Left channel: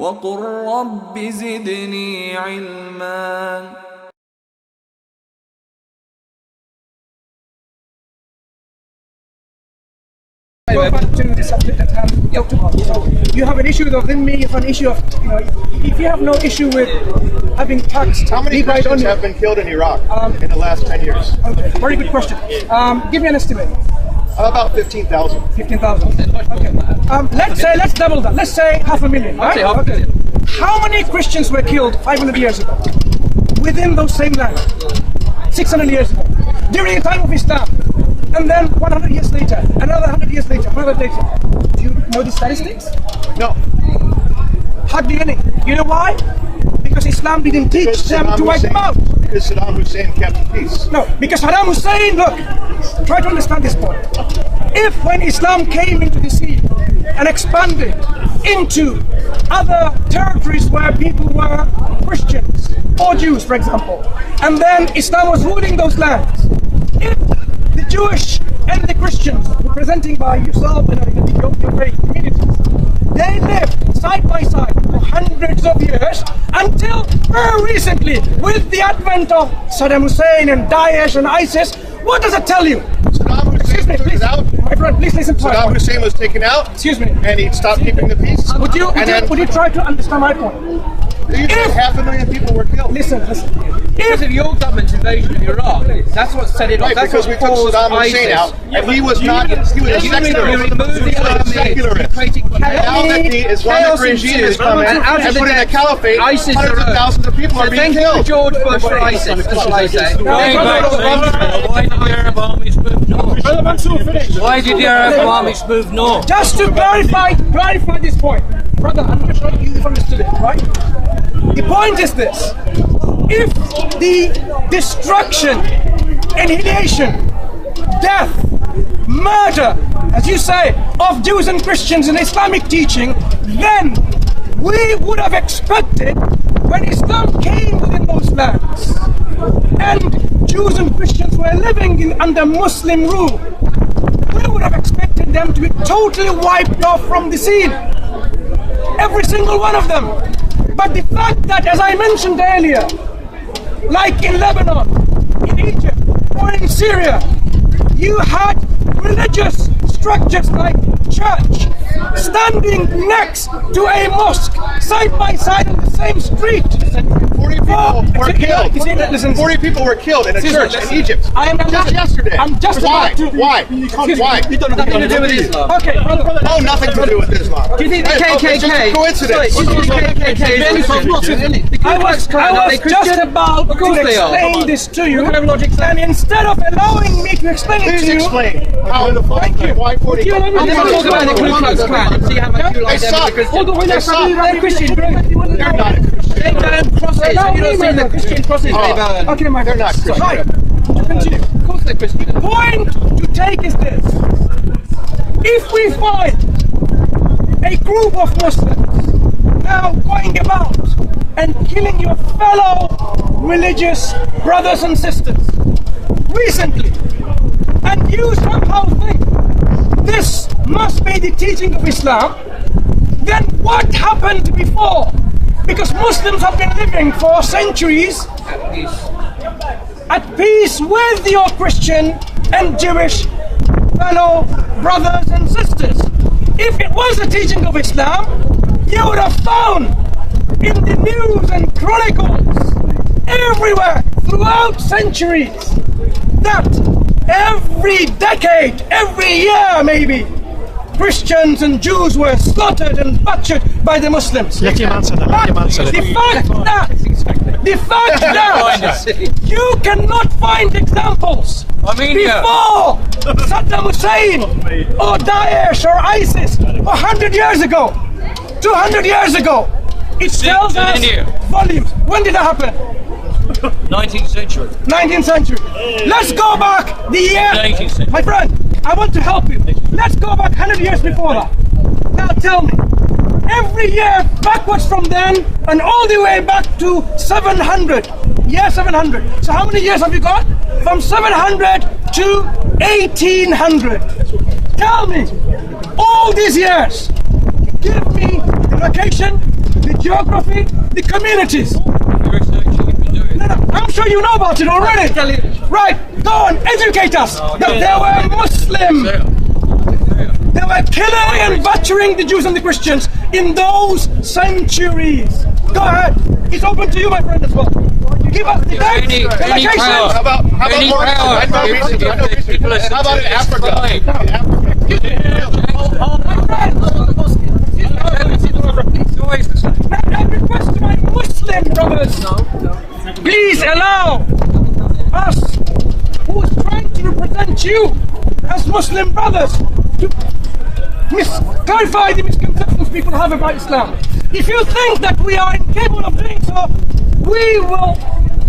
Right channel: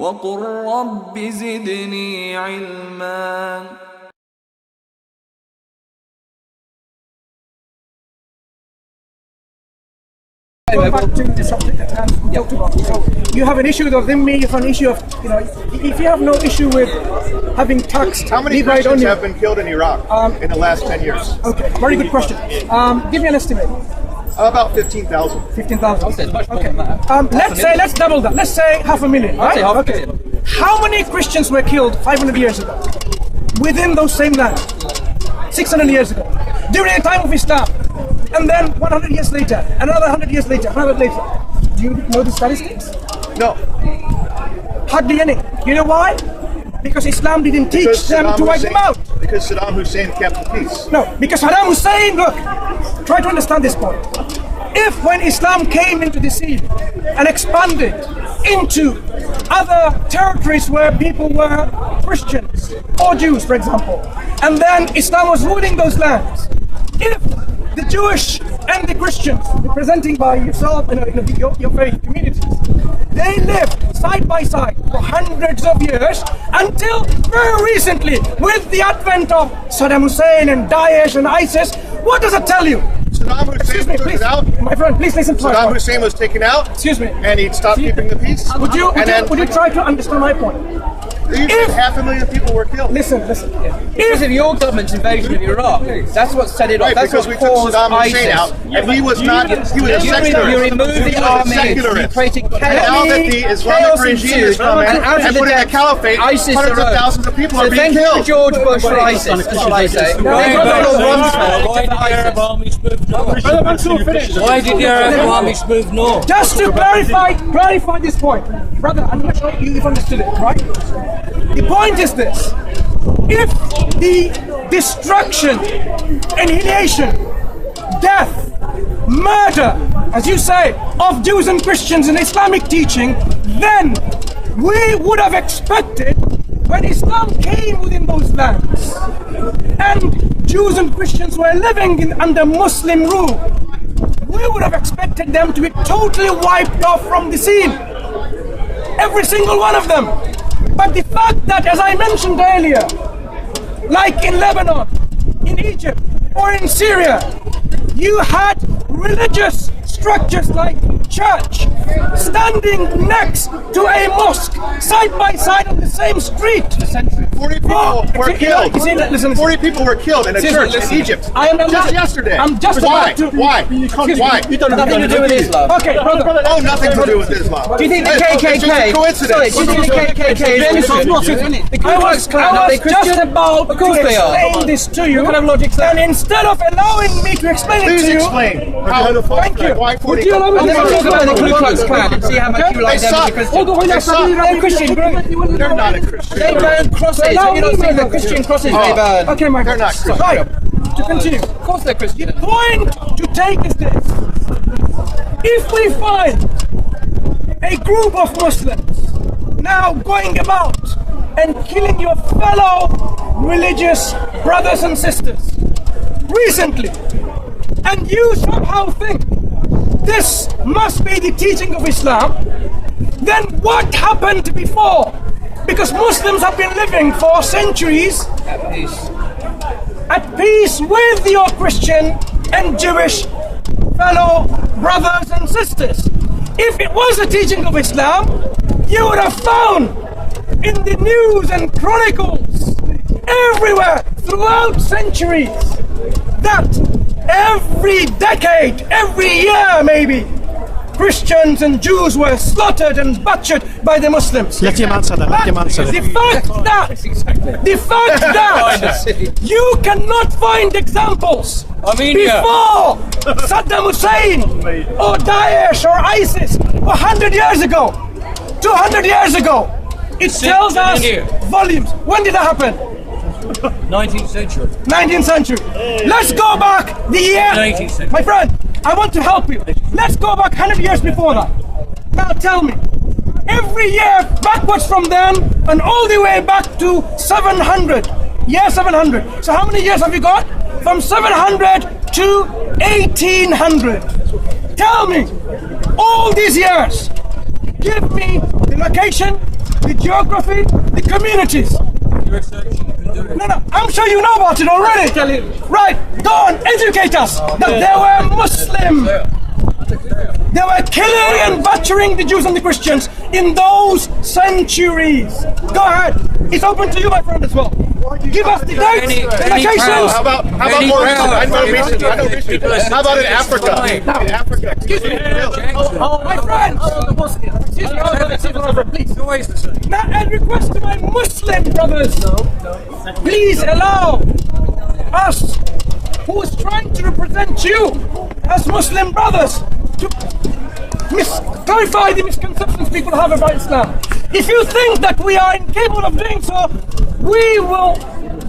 وقل رب زدني علما. Go back to the subject at hand. So you have an issue with dhimmi, you have an issue of, if you have no issue with having taxed... How many Christians have been killed in Iraq in the last 10 years? Okay, very good question. Give me an estimate. About 15,000. 15,000. Okay. Let's double that. Let's say 500,000, right? Okay. How many Christians were killed 500 years ago? Within those same lands? 600 years ago. During the time of Islam. And then 100 years later, another 100 years later, 100 later. Do you know the statistics? No. Hardly any. You know why? Because Islam didn't teach them to wipe them out. Because Saddam Hussein kept the peace. No, because Saddam Hussein, look, try to understand this point. If when Islam came into the scene and expanded into other territories where people were Christians or Jews, for example, and then Islam was ruling those lands, if the Jewish and the Christians, representing by yourself, your faith communities, they lived side by side for hundreds of years until very recently, with the advent of Saddam Hussein and Daesh and ISIS. What does it tell you? Saddam Hussein was taken out. My friend, please listen to Saddam Hussein was taken out. Excuse me. And he stopped keeping the peace. Would you try to understand my point? You said 500,000 people were killed. Listen. Because of your government's invasion of Iraq, that's what set it off. Right, because we took Saddam Hussein out, and he was not. He was a secularist. You removed the army. Secularist. And now that the Islamic regime has come in and put in a caliphate, ISIS hundreds of thousands of people are being killed. killed. George Bush for ISIS, shall I say? Why did the Arab armies move north? Just to clarify this point, brother, I'm not sure you've understood it, right? The point is this: if the destruction, annihilation, death, murder, as you say, of Jews and Christians in Islamic teaching, then we would have expected, when Islam came within those lands and Jews and Christians were living under Muslim rule, we would have expected them to be totally wiped off from the scene. Every single one of them. But the fact that, as I mentioned earlier, like in Lebanon, in Egypt, or in Syria, you had religious structures like church standing next to a mosque, side by side on the same street. 40 people were killed. 40 people were killed in a church in Egypt. Just yesterday. Why? Why? You don't have anything to do with Islam. Okay, brother. Oh, nothing to do with Islam. Do you think the KKK? It's just a coincidence. Do you think the KKK is I was just about to explain this to you, and instead of allowing me to explain it to you, explain. Thank you. Why 40 people? the Ku Klux Klan and see how much you like them as a Christian. They're Christian. They're not a Christian. They burn crosses. You're not seeing the Christian crosses they burn. Okay, my They're not Christian. Right. To continue. Of course they're Christian. The point to take is this: if we find a group of Muslims now going about and killing your fellow religious brothers and sisters recently, and you somehow think this must be the teaching of Islam, then what happened before? Because Muslims have been living for centuries at peace with your Christian and Jewish fellow brothers and sisters. If it was the teaching of Islam, you would have found in the news and chronicles everywhere throughout centuries that every decade, every year maybe, Christians and Jews were slaughtered and butchered by the Muslims. Let him answer that. The fact that you cannot find examples before Saddam Hussein or Daesh or ISIS 100 years ago, 200 years ago, it tells us volumes. When did that happen? 19th century. 19th century. Let's go back the year. 19th century. My friend, I want to help you. Let's go back 100 years before that. Now tell me, every year backwards from then and all the way back to 700. Year 700. So how many years have you got? From 700 to 1800. Tell me, all these years, give me the location, the the geography, the communities. No, I'm sure you know about it already. Right, go and educate us that they were Muslim. They were killing and butchering the Jews and the Christians in those centuries. Go ahead. It's open to you, my friend, as well. Give us the dates, the locations. How about more recent? I know recent. How about in Africa? In Africa. Excuse me. Oh, my friend. Now I request to my Muslim brothers, please allow us, who is trying to represent you as Muslim brothers, to clarify the misconceptions people have about Islam. If you think that we are incapable of doing so, we will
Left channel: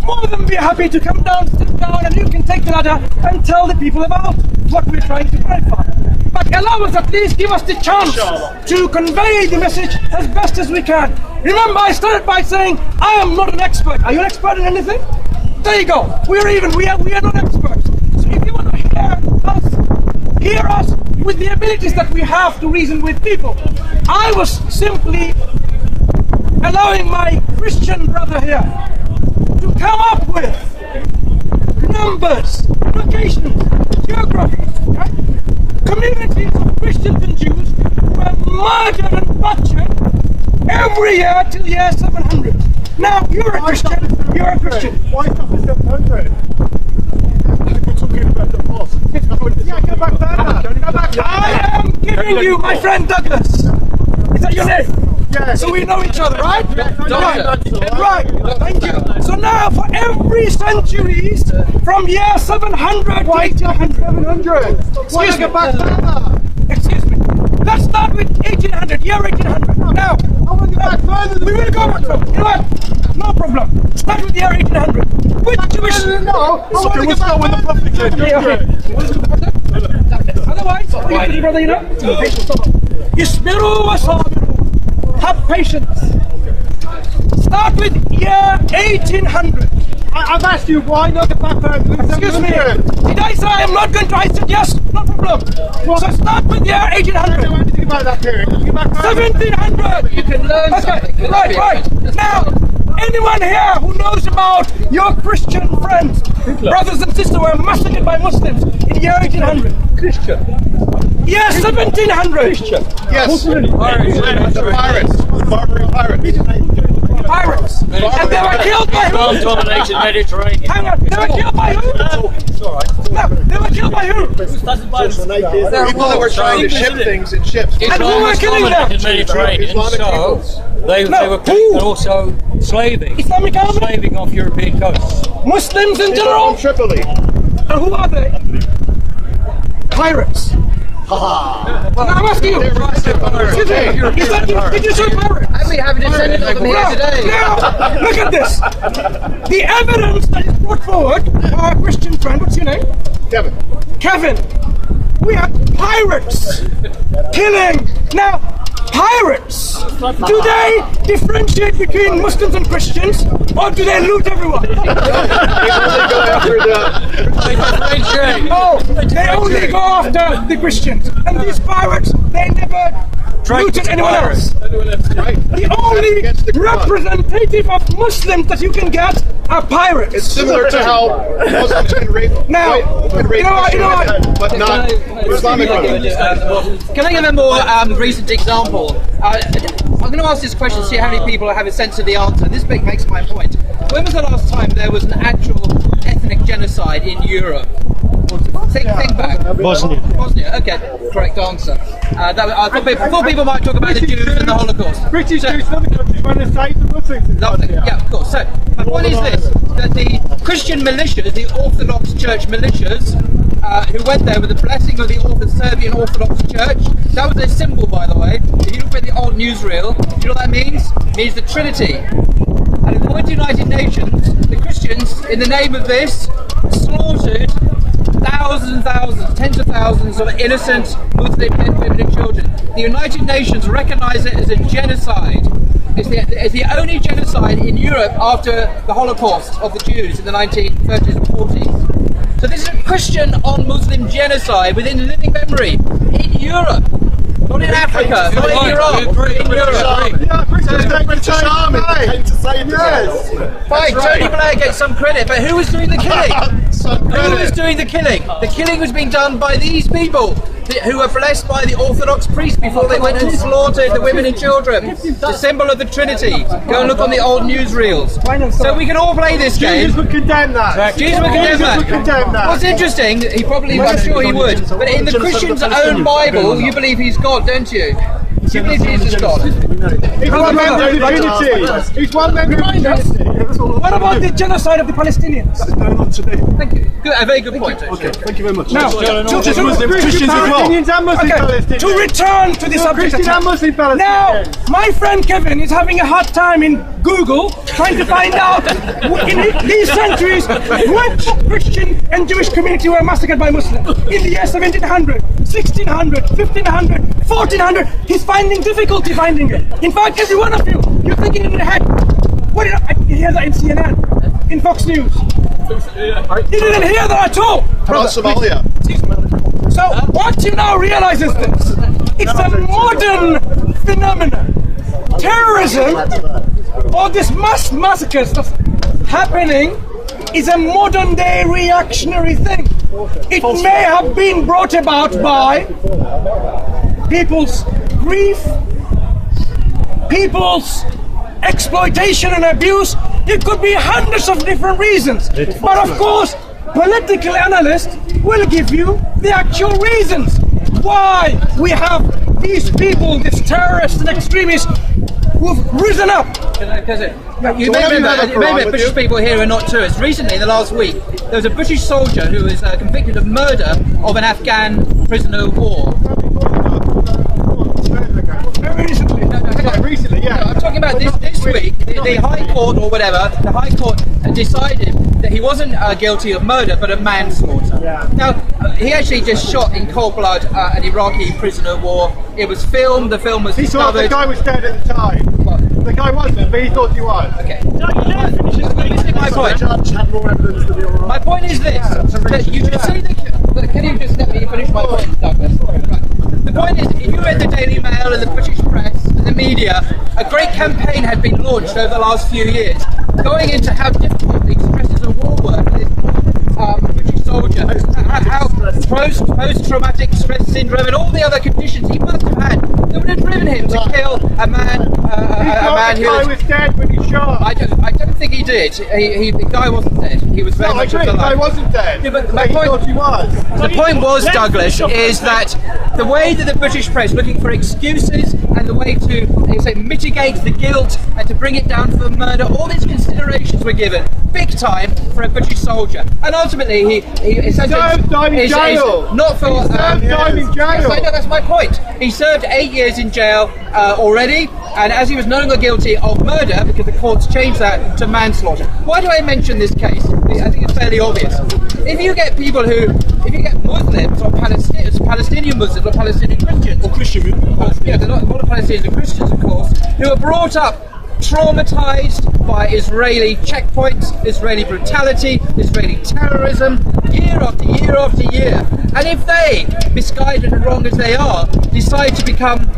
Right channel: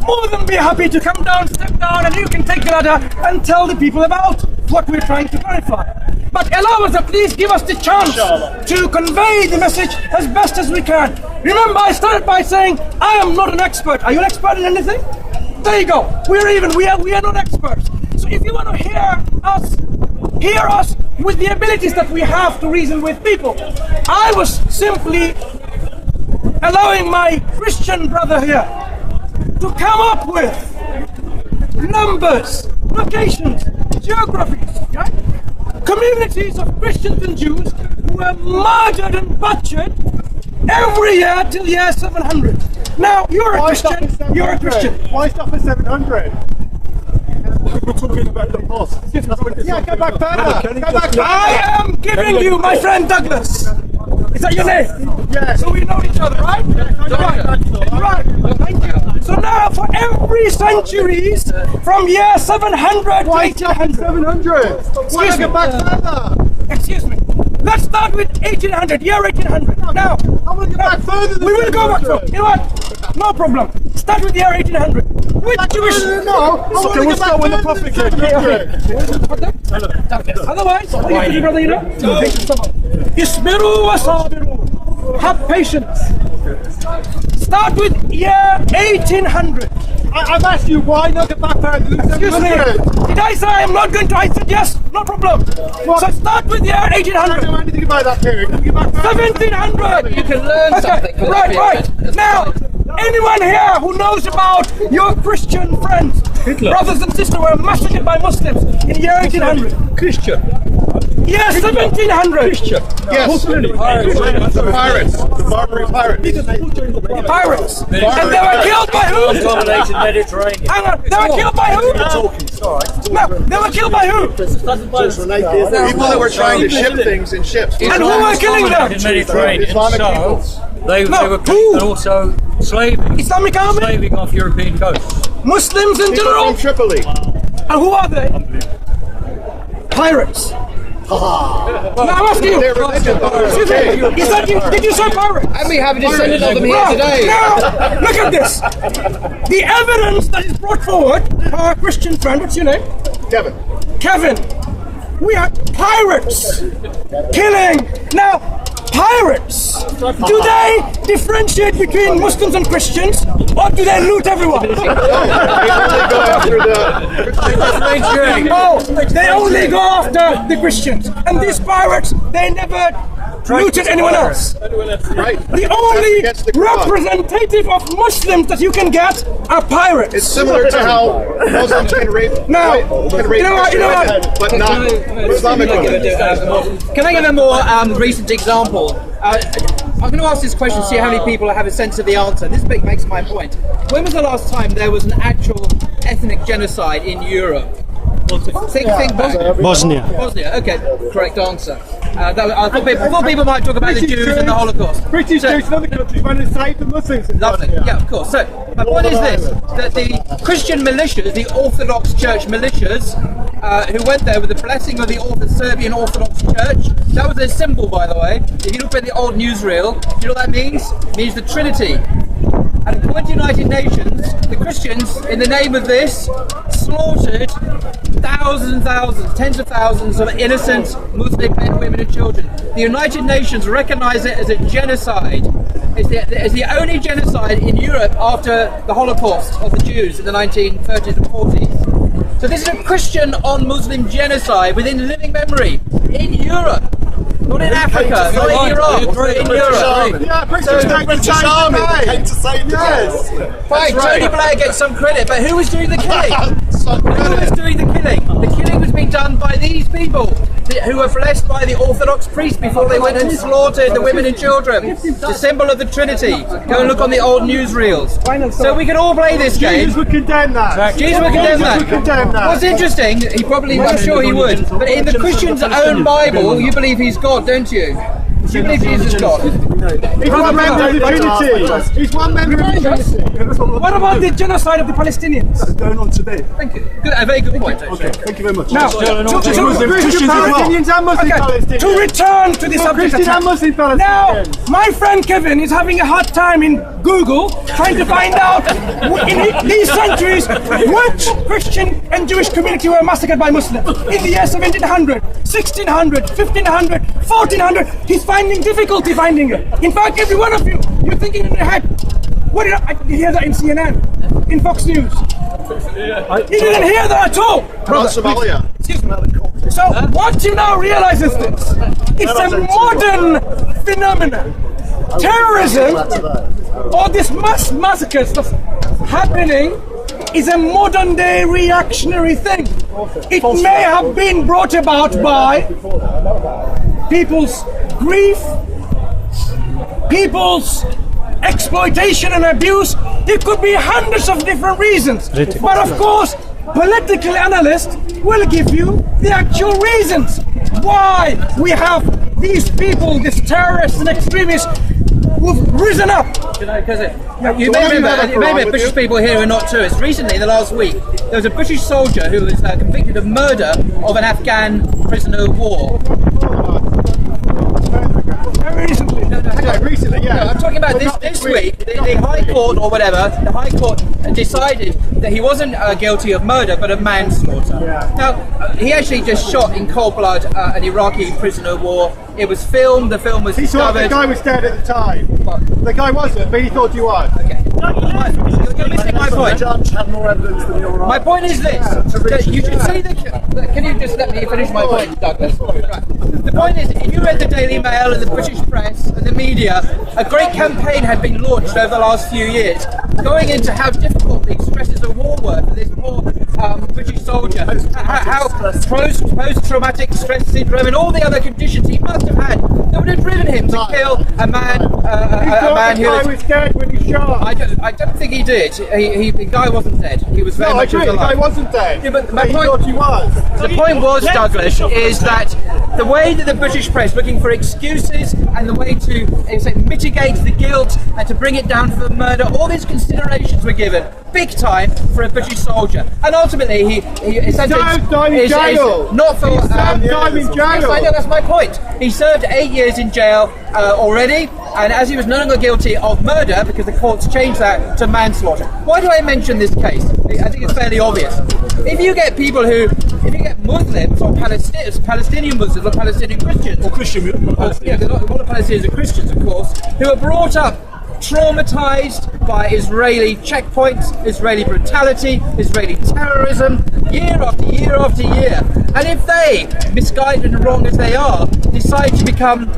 more than be happy to come down, step down, and you can take the ladder and tell the people about what we're trying to clarify. But allow us at least, give us the chance to convey the message as best as we can. Remember, I started by saying, I am not an expert. Are you an expert in anything? There you go. We are not experts. So if you want to hear us with the abilities that we have to reason with people. I was simply allowing my Christian brother here to come up with numbers, locations, geographies, okay? Communities of Christians and Jews who were murdered and butchered every year till the year 700. Now, you're a Christian. Why stop at 700? We're talking about the past. Yeah, go back further. I am giving you my friend Douglas. Is that your name? Yes. So we know each other, right? Right. Thank you. So now, for every centuries from year 700 to 1800. 700. Excuse me. Go back further. Excuse me. Let's start with 1800, year 1800. Now, we will go back further. You know what? No problem. Start with the year 1800. Which Jewish... No. Okay, we'll start when the Prophet came. Okay. Otherwise, what do you brother, you know? Isbiru wa sabiru. Have patience. Start with year 1800. I've asked you why not get back further. Excuse me. Did I say I am not going to? I said yes. No problem. So start with year 1800. I don't know anything about that period. Can you get back further? 1700. You can learn something. Right. Now, anyone here who knows about your Christian friends, brothers and sisters were massacred by Muslims in year 1800? Christian. Year 1700. Christian. Yes. The pirates. The Barbary pirates. Pirates. And they were killed by who? Dominated Mediterranean. Hang on. They were killed by who? No, they were killed by who? People that were trying to ship things in ships. And who were killing them? Mediterranean. Islamic So peoples. they were killing and also slaving. Islamic army? Slaving off European coasts. Muslims in People general? from Tripoli. And who are they? Pirates. Now I'm asking you. Their religion, but we're Excuse okay. me. Did you say pirates? And we have a descendant of them here today. Now, look at this. The evidence that is brought forward by our Christian friend, what's your name? Kevin. We had pirates killing. Now, pirates, do they differentiate between Muslims and Christians, or do they loot everyone? They only go after the... Oh, they only go after the Christians. And these pirates, they never looted anyone else. Right. The only representative of Muslims that you can get are pirates. It's similar to how Muslims can rape Christian women, but not Islamic women. Can I give a more recent example? I'm going to ask this question, see how many people have a sense of the answer. This bit makes my point. When was the last time there was an actual ethnic genocide in Europe? Think Bosnia. Bosnia, okay, correct answer. I thought people might talk about the Jews and the Holocaust. British Jews and other countries trying to save the Muslims. Lovely, yeah, of course. So, my point is this, that the Christian militias, the Orthodox Church militias, who went there with the blessing of the Serbian Orthodox Church, that was their symbol, by the way. If you look at the old newsreel, do you know what that means? It means the Trinity. And according to the United Nations, the Christians, in the name of this, slaughtered thousands and thousands, tens of thousands of innocent Muslim men, women and children. The United Nations recognize it as a genocide. It's the only genocide in Europe after the Holocaust of the Jews in the 1930s and 40s. So this is a Christian on Muslim genocide within living memory in Europe. Not in Africa, not in Iraq, in Europe. Yeah, British army came to save the day. Fine, Tony Blair gets some credit, but who was doing the killing? Who was doing the killing? The killing was being done by these people who were blessed by the Orthodox priest before they went and slaughtered the women and children. The symbol of the Trinity. Go and look on the old newsreels. So we can all play this game. Jesus would condemn that. Jesus would condemn that. What's interesting, I'm sure he would, but in the Christian's own Bible, you believe he's God, don't you? You believe Jesus is God? He's one member of the Trinity. He's one member of the Trinity. What about the genocide of the Palestinians? That's going on today. Thank you. Good, a very good point. Okay, thank you very much. Now, to return to the subject at hand. Now, my friend Kevin is having a hard time in Google trying to find out in these centuries which Christian and Jewish community were massacred by Muslims in the year 1700, 1600, 1500, 1400. He's finding difficulty finding it. In fact, every one of you, you're thinking in your head, what did I hear that in CNN, in Fox News? You didn't hear that at all. Brother, Somalia. So what you now realize is this: it's a modern phenomenon. Terrorism, or this mass massacres that's happening, is a modern day reactionary thing. It may have been brought about by people's grief, people's exploitation and abuse. It could be hundreds of different reasons. But of course, political analysts will give you the actual reasons why we have these people, these terrorists and extremists, who've risen up. You may remember British people here who are not tourists. Recently, in the last week, there was a British soldier who was convicted of murder of an Afghan prisoner of war. Very recently. No, hang on. Recently, yeah. No, I'm talking about this week. The High Court or whatever, the High Court decided that he wasn't guilty of murder, but of manslaughter. Yeah. Now, he actually just shot in cold blood an Iraqi prisoner of war. It was filmed. The film was discovered. The guy was dead at the time. What? The guy wasn't, but he thought he was. Okay. You're missing my point. My point is this: you can see the. Can you just let me finish my point, Douglas? Right. The point is, if you read the Daily Mail and the British press and the media, a great campaign had been launched over the last few years, going into how difficult the stresses of war were for this poor British soldier, how post-traumatic stress syndrome and all the other conditions he must have had that would have driven him to kill a man. The guy was dead when he shot. I don't think he did. The guy wasn't dead. He was very much alive. The guy wasn't dead. Yeah, but my point, thought he was. The point was, Douglas, is that the way that the British press looking for excuses and the way to say mitigate the guilt and to bring it down for the murder, all these considerations were given big time for a British soldier, and ultimately he essentially is not for in jail. Yes, I know, that's my point. He served 8 years in jail already, and as he was no longer guilty of murder because the courts changed that to manslaughter. Why do I mention this case? I think it's fairly obvious. If you get Muslims or Palestinian Muslims or Palestinian Christians, Or Christian. a lot of Palestinians are Christians, of course, who are brought up traumatized by Israeli checkpoints, Israeli brutality, Israeli terrorism, year after year after year. And if they, misguided and wrong as they are, decide to become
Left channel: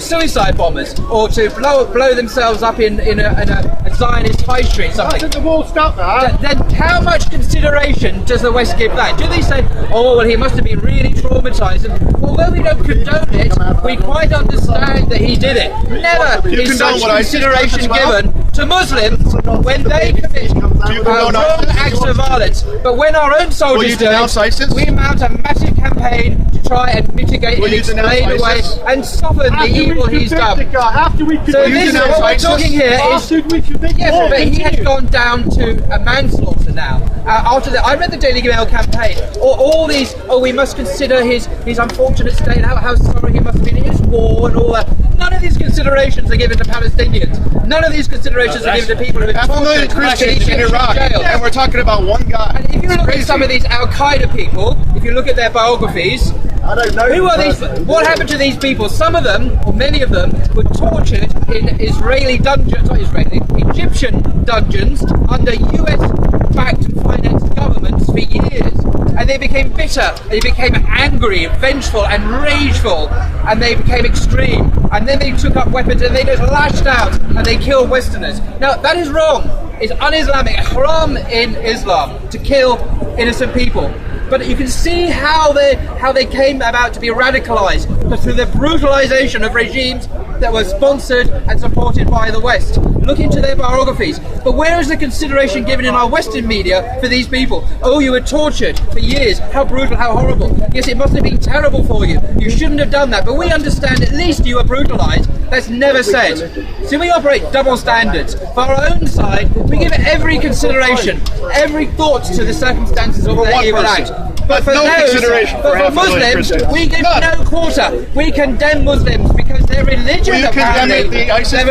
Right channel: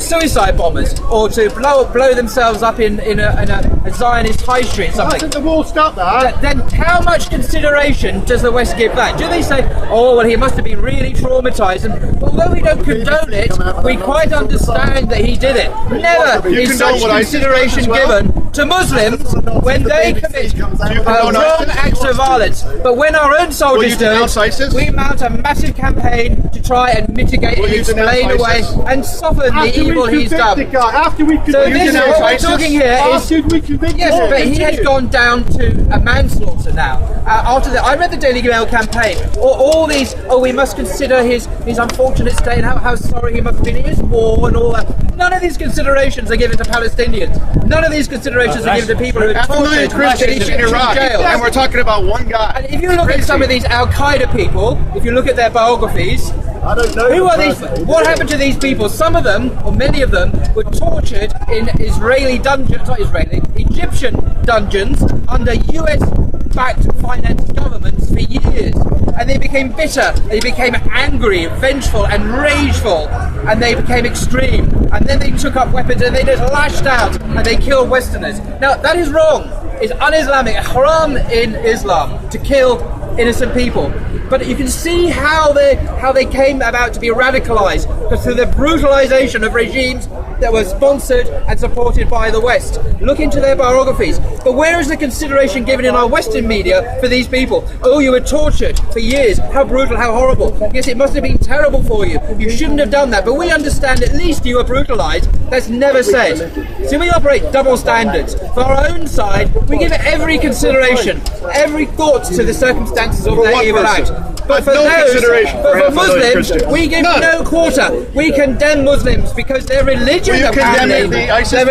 suicide bombers or to blow themselves up in a Zionist high street, something. The wall stopped that. Then how much consideration does the West give that? Do they say, oh, well, he must have been really traumatized, and although we don't condone it, we quite understand that he did it. Never is such consideration given to Muslims when they commit wrong acts of violence. But when our own soldiers do it, we mount a massive campaign to try and mitigate and explain away and soften the evil he's done. So this, what we're talking here is, yes, but he has gone down to a manslaughter now. After that, I read the Daily Mail campaign, all these, we must consider his unfortunate state and how sorry he must have been in his war and all that. None of these considerations are given to Palestinians. None of these considerations are given to people who are tortured in Egyptian jails. And we're talking about one guy. And if you look at some of these Al-Qaeda people, if you look at their biographies, who are these? What happened to these people? Some of them, or many of them, were tortured in Israeli dungeons, not Israeli, Egyptian dungeons under US-backed financed governments for years. and they became bitter, they became angry, vengeful and rageful, and they became extreme, and then they took up weapons and they just lashed out and they killed Westerners. Now that is wrong. It's un-Islamic, haram in Islam to kill innocent people. But you can see how they came about to be radicalized, because through the brutalization of regimes that were sponsored and supported by the West. Look into their biographies. But where is the consideration given in our Western media for these people? Oh, you were tortured for years. How brutal, how horrible. Yes, it must have been terrible for you. You shouldn't have done that. But we understand at least you were brutalized. That's never said. So we operate double standards. For our own side, we give it every consideration, every thought to the circumstances of their evil act. But for for Muslims, we give no quarter. We condemn Muslims because their religion apparently said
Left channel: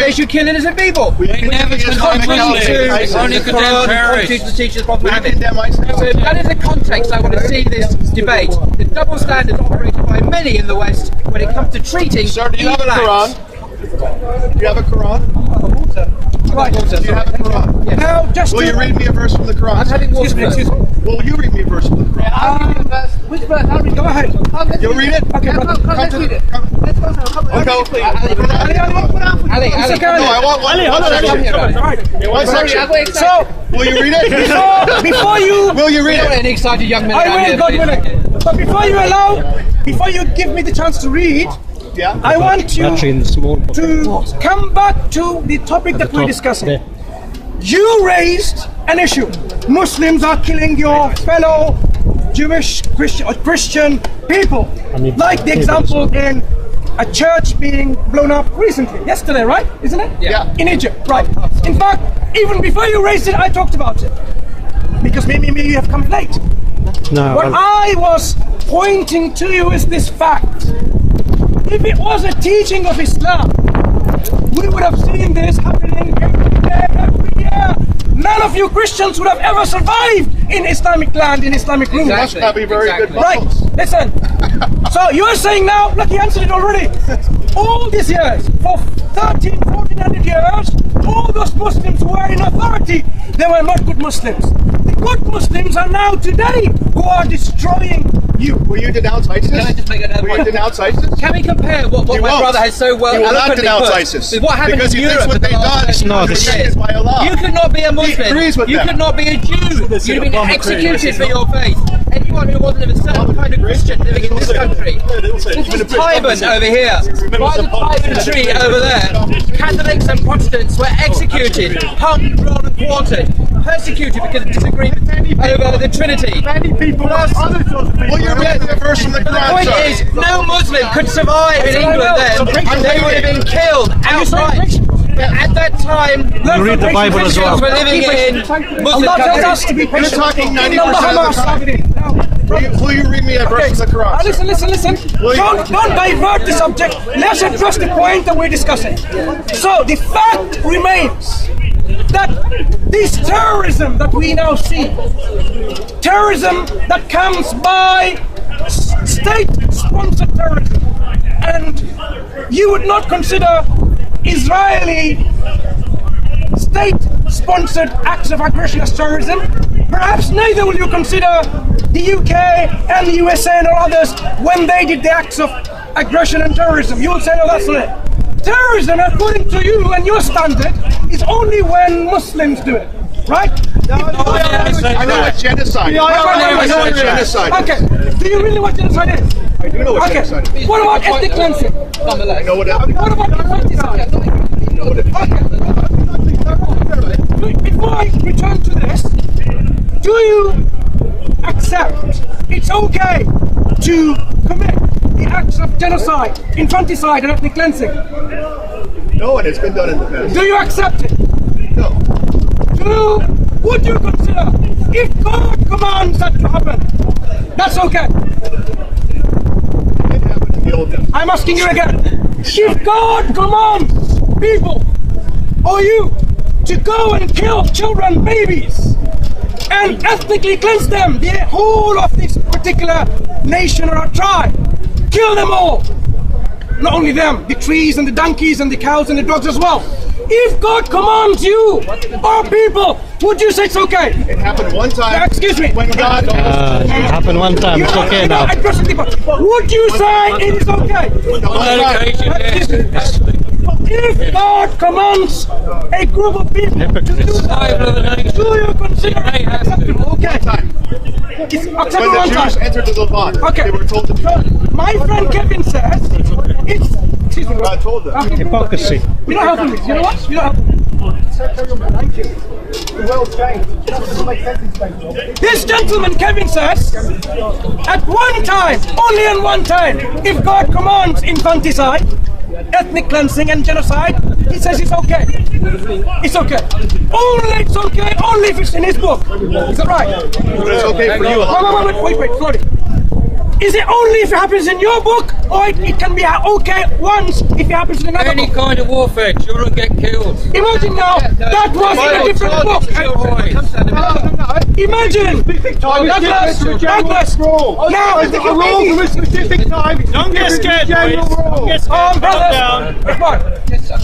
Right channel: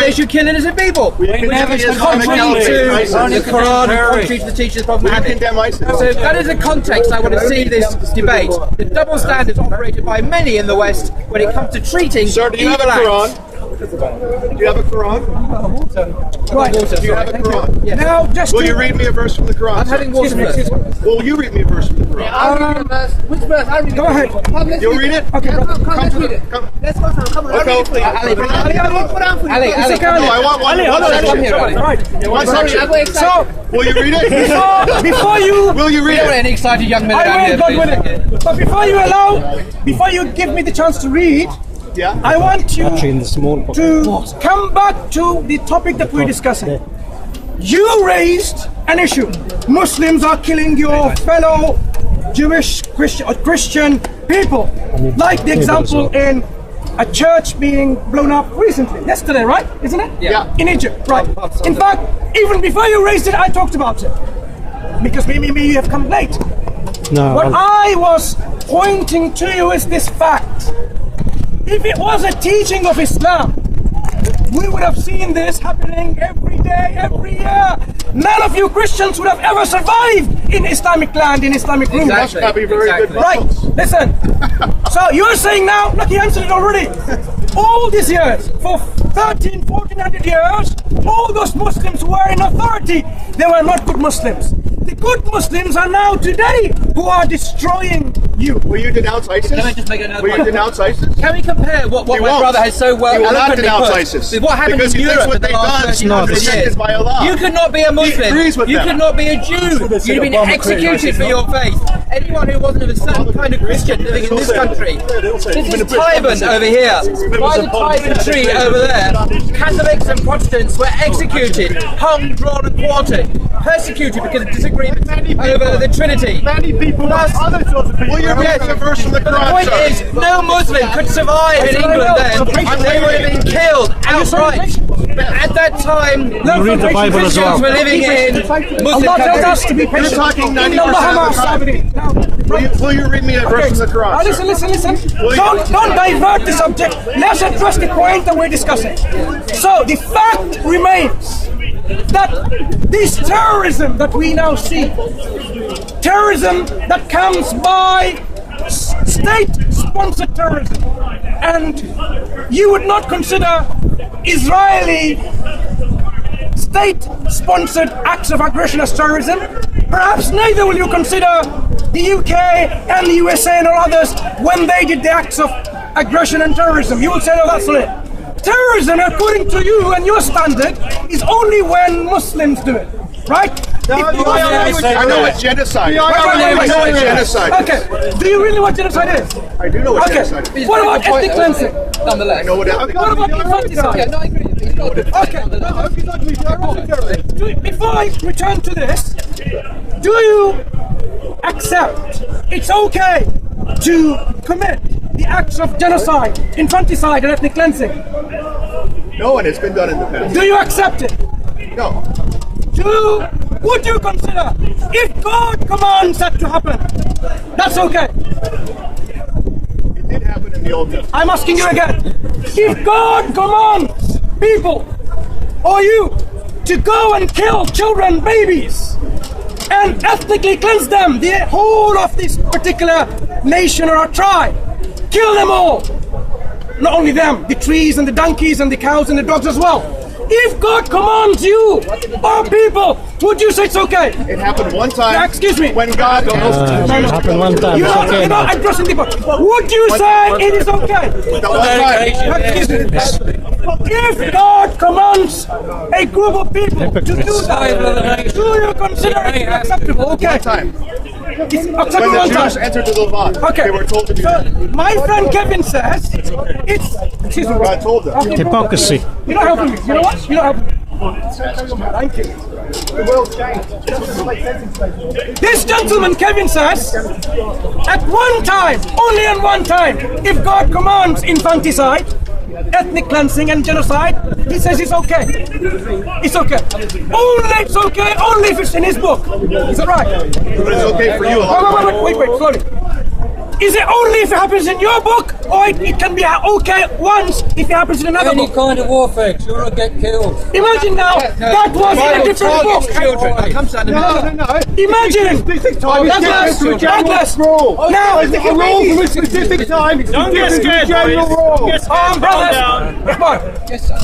they should kill innocent people. Which is contrary to the Quran, contrary to the teachings of Prophet Muhammad. So that is the context I want to see this debate. The double standards operated by many in the West when it comes to treating evil acts. Do you have a Quran? Right. Do you have a Quran? Yes. Now, just Will you read me a verse from the Quran? I'm having water first. Will you read me a verse from the Quran? Which verse? Go ahead. You'll read it? Okay, brother. Come to the... Let's go. Come on. Okay. Ali. No, I want one section. Come here, Ali. Right. One section. So, Will you read it? before you... Will you We read don't want it? any excited young men I around will, here, God please. willing. But before you give me the chance to read, Yeah. I want you Actually, in the small box. to come back to the topic that we're discussing. There. You raised an issue. Muslims are killing your fellow Jewish, Christian people. Like the example in a church being blown up recently. Yesterday, right? Isn't it? Yeah. In Egypt, right. In fact, even before you raised it, I talked about it. Because maybe you have come late. No, What I was pointing to you is this fact. If it was a teaching of Islam, we would have seen this happening every day, every year. None of you Christians would have ever survived in Islamic land, in Islamic rule. Must not be very good. Right, listen. So you're saying now, look, he answered it already. All these years, for 1400 years, all those Muslims who were in authority, they were not good Muslims. The good Muslims are now today who are destroying you. Will you denounce ISIS? Can I just make another Will you point? denounce ISIS? Can we compare what You my won't. brother has so well You will not eloquently denounce put ISIS. with what happened Because in he thinks Europe what in the they've last done 1300 is years? by Allah. You could not be a Muslim. agrees with You them. could not be a Jew. You'd have been executed for your faith. Anyone who wasn't of a certain kind of Christian living in this country. This is Tyburn over here. By the Tyburn tree over there, Catholics and Protestants were executed, hung, drawn and quartered, persecuted because of disagreement over the Trinity. Plus, Will you read me a verse from the but the Quran? point sir? is, no Muslim could survive in England then, and they would have been killed outright. But at that time, You read the Bible as Christians well. were living in Muslim Allah tells us countries. to be patient. You're talking Inna Allaha 90%. ma'a sabirin. Now, Will you read me a verse from the Quran? sir? listen. Don't divert the subject. Let's address the point that we're discussing. So the fact remains that this terrorism that we now see, terrorism that comes by state-sponsored terrorism, and you would not consider Israeli state-sponsored acts of aggression as terrorism, perhaps neither will you consider the UK and the USA and all others when they did the acts of aggression and terrorism. You will say, no, that's not it. Terrorism, according to you and your standard, is only when Muslims do it, right? I know what genocide is. I know what genocide is. Okay, do you really know what genocide is? I do know what genocide Okay, is. what about ethnic cleansing? I know what What about infanticide? Okay, before I return to this, do you accept it's okay to commit the acts of genocide, infanticide, and ethnic cleansing? No, and it's been done in the past. Do you accept it? No. Would you consider if God commands that to happen? That's okay. It did happen in the Old Testament. I'm asking you again. If God commands people or you to go and kill children, babies, and ethnically cleanse them, the whole of this particular nation or tribe, kill them all. Not only them, the trees and the donkeys and the cows and the dogs as well. If God commands you or people, would you say it's okay? It happened one time. Excuse me. When God It happened one time. It's okay now. Would you say it is okay? one time. Excuse me. If God commands a group of people to do that, do you consider it acceptable? Okay. One time. It's When acceptable the one Jews time. entered the Levant, Okay. they were told to do So, that. my friend Kevin says it's. Excuse me. God told them. Okay, Hypocrisy. you're not helping me. You know what? You're not helping me. Thank you. The world changed. It doesn't make sense in space. This gentleman, Kevin, says, at one time, only in one time, if God commands infanticide, ethnic cleansing and genocide, he says it's okay. It's okay. Only it's okay, only if it's in his book. Is that right? It's okay for you. A lot. Wait, slowly. Is it only if it happens in your book, or it can be okay once if it happens in another Any book? kind of warfare, children get killed. Imagine now, that was in a different book. Imagine! Douglas! Now, The rules of a specific time. Don't get scared, brothers, come on.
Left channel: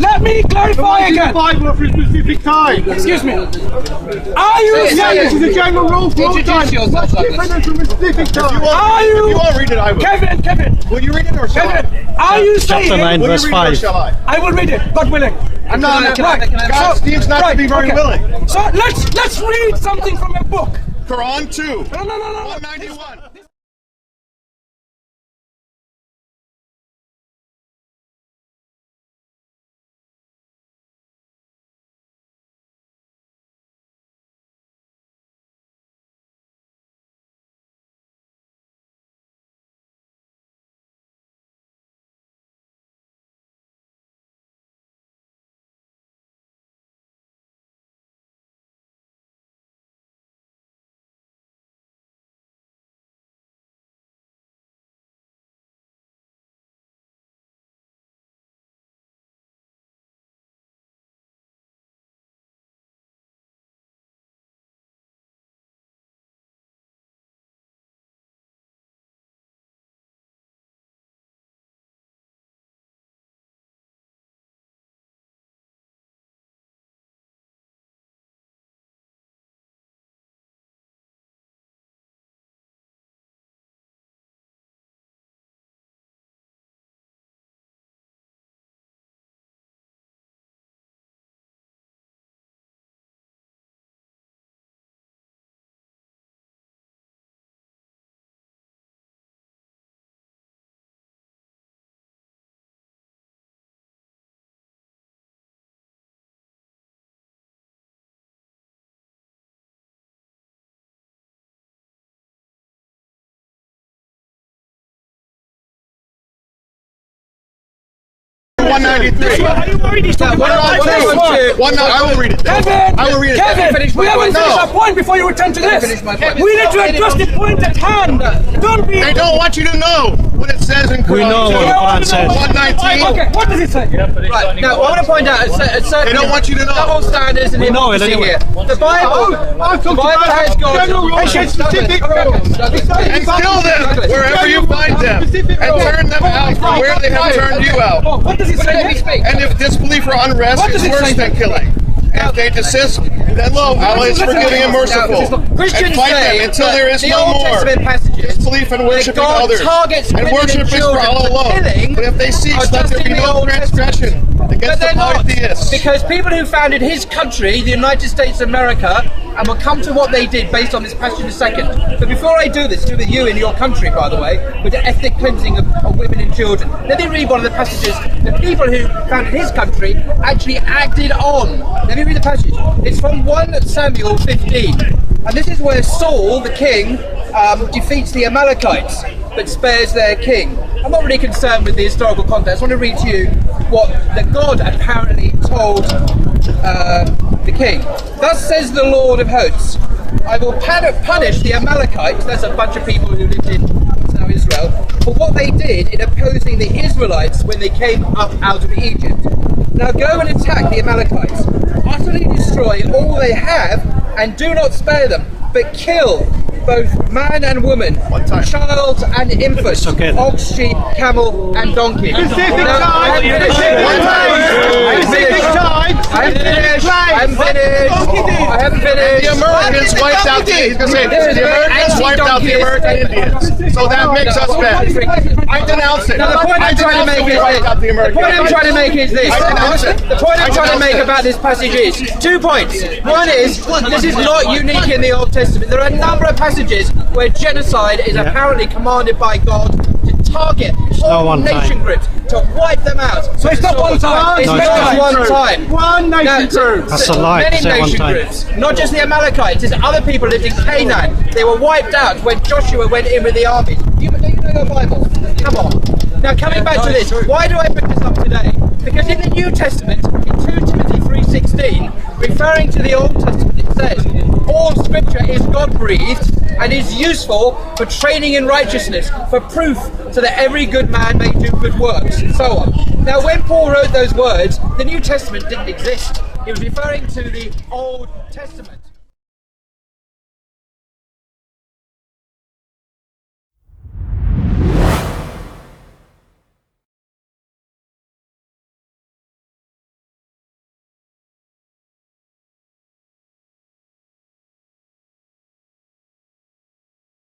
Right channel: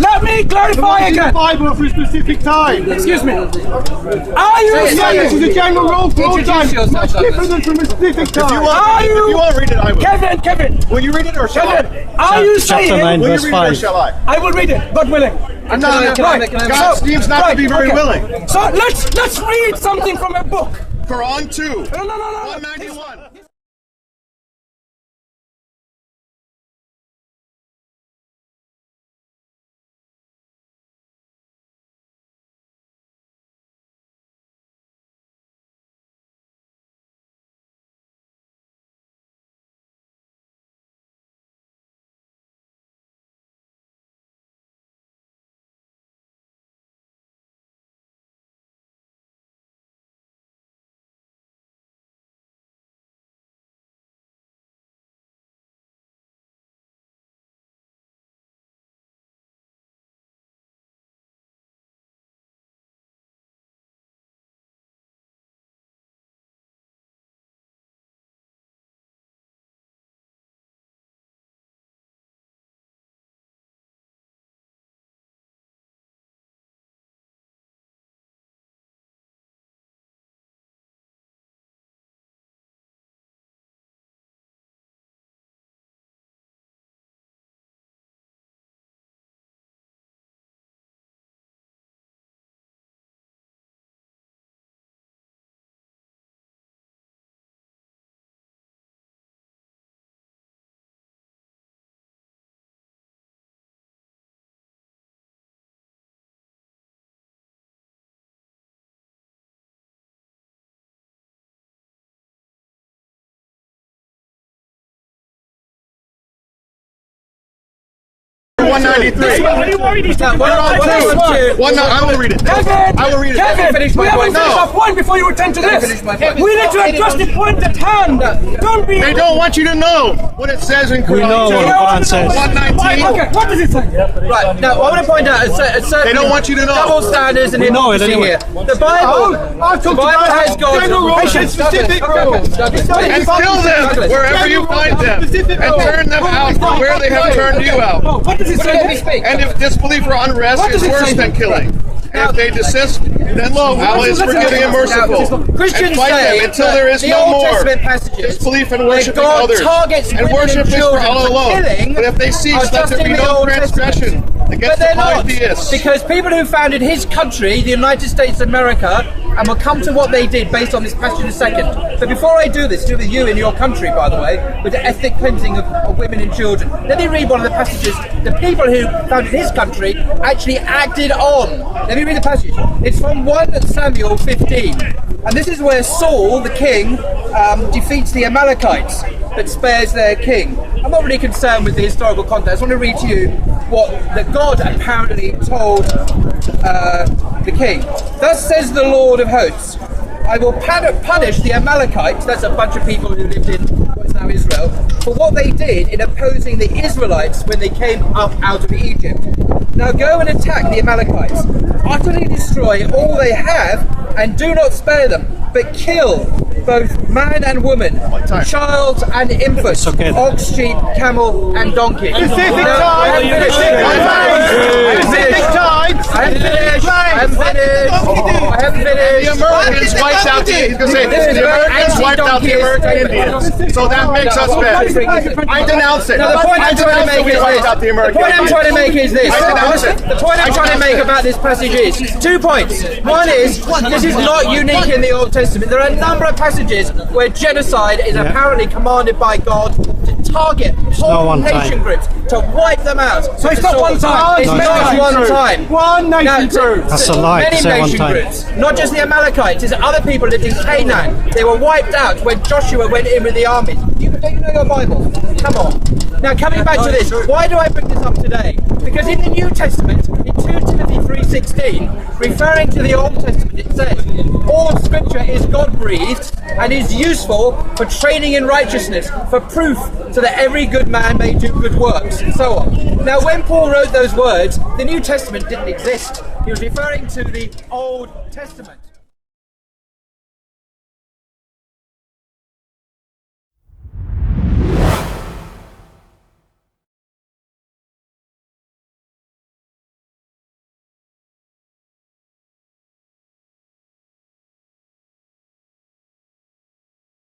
Let me clarify again. Bible for a specific time. Excuse me. Are you This is saying? the general rule for all Introduce time. yourself, Different from a specific time. Are You you? won't read it, I will. Kevin, Will you read it or shall I? Kevin, are you Chapter 9, saying? Will you verse read it or 5. shall I? I will read it, God willing. I'm not. God seems not to be very willing. So let's read something from a book. Quran 2, No. 191. One 93. I I will read it. I will read it. Kevin, we haven't finished our point before you return to this. We need to address the point at hand. Don't be. They don't want you to know what it says in Quran. We know what the Quran says. 119. Okay, what does it say? Right, now I want to point out a certain They don't want you to know. double standards and We know it hypocrisy anyway. here. The Bible has got Patience. Specific rules. And kill them wherever you find them. And turn them out from where they have turned you out. Oh, what does it say? And if disbelief or unrest What does is it worse say? than killing. And if they desist, then lo, Allah is forgiving and merciful. Christians And fight say them until there is the no Old more Testament passages disbelief and where worshiping God others. targets And women worship and is for children Allah for alone. killing But if they cease, are let just there in be the no Old Testament. transgression But against they're the not, polytheists. because people who founded his country, the United States of America, and we'll come to what they did based on this passage in a second. But before I do this, do with you in your country, by the way, with the ethnic cleansing of women and children. Let me read one of the passages the people who founded his country actually acted on. Let me read the passage. It's from 1 Samuel 15. And this is where Saul, the king, defeats the Amalekites, but spares their king. I'm not really concerned with the historical context. I want to read to you what that God apparently told the king. Thus says the Lord of hosts, I will punish the Amalekites, that's a bunch of people who lived in what's now Israel, for what they did in opposing the Israelites when they came up out of Egypt. Now go and attack the Amalekites, utterly destroy all they have, and do not spare them, but kill both man and woman, child and infant, okay. ox, sheep, camel, and donkey. Specific Now, time. I haven't finished. The Americans wiped out the. He's going to say This is the a very Americans wiped out the Americans. So that makes us bad. I denounce it. Now, the point I I'm trying to denounce make that we is wiped out the The Americans. point I'm trying to make is this. I denounce it. The point I'm trying to make about this passage is 2 points. One is, this is not unique in the Old Testament. There are a number of passages where genocide is apparently commanded by God to target whole nation groups, to wipe them out. So it's not one time. It's not one time. One nation group. That's a lie to Many say one nation time. groups, not just the Amalekites, there's other people lived in Canaan. They were wiped out when Joshua went in with the armies. Do you know your Bible? Come on. Now, coming back to this, why do I bring this up today? Because in the New Testament, in 2 Timothy 3:16, referring to the Old Testament, it says, all scripture is God-breathed and is useful for training in righteousness, for proof, so that every good man may do good works, and so on. Now, when Paul wrote those words, the New Testament didn't exist. He was referring to the Old Testament.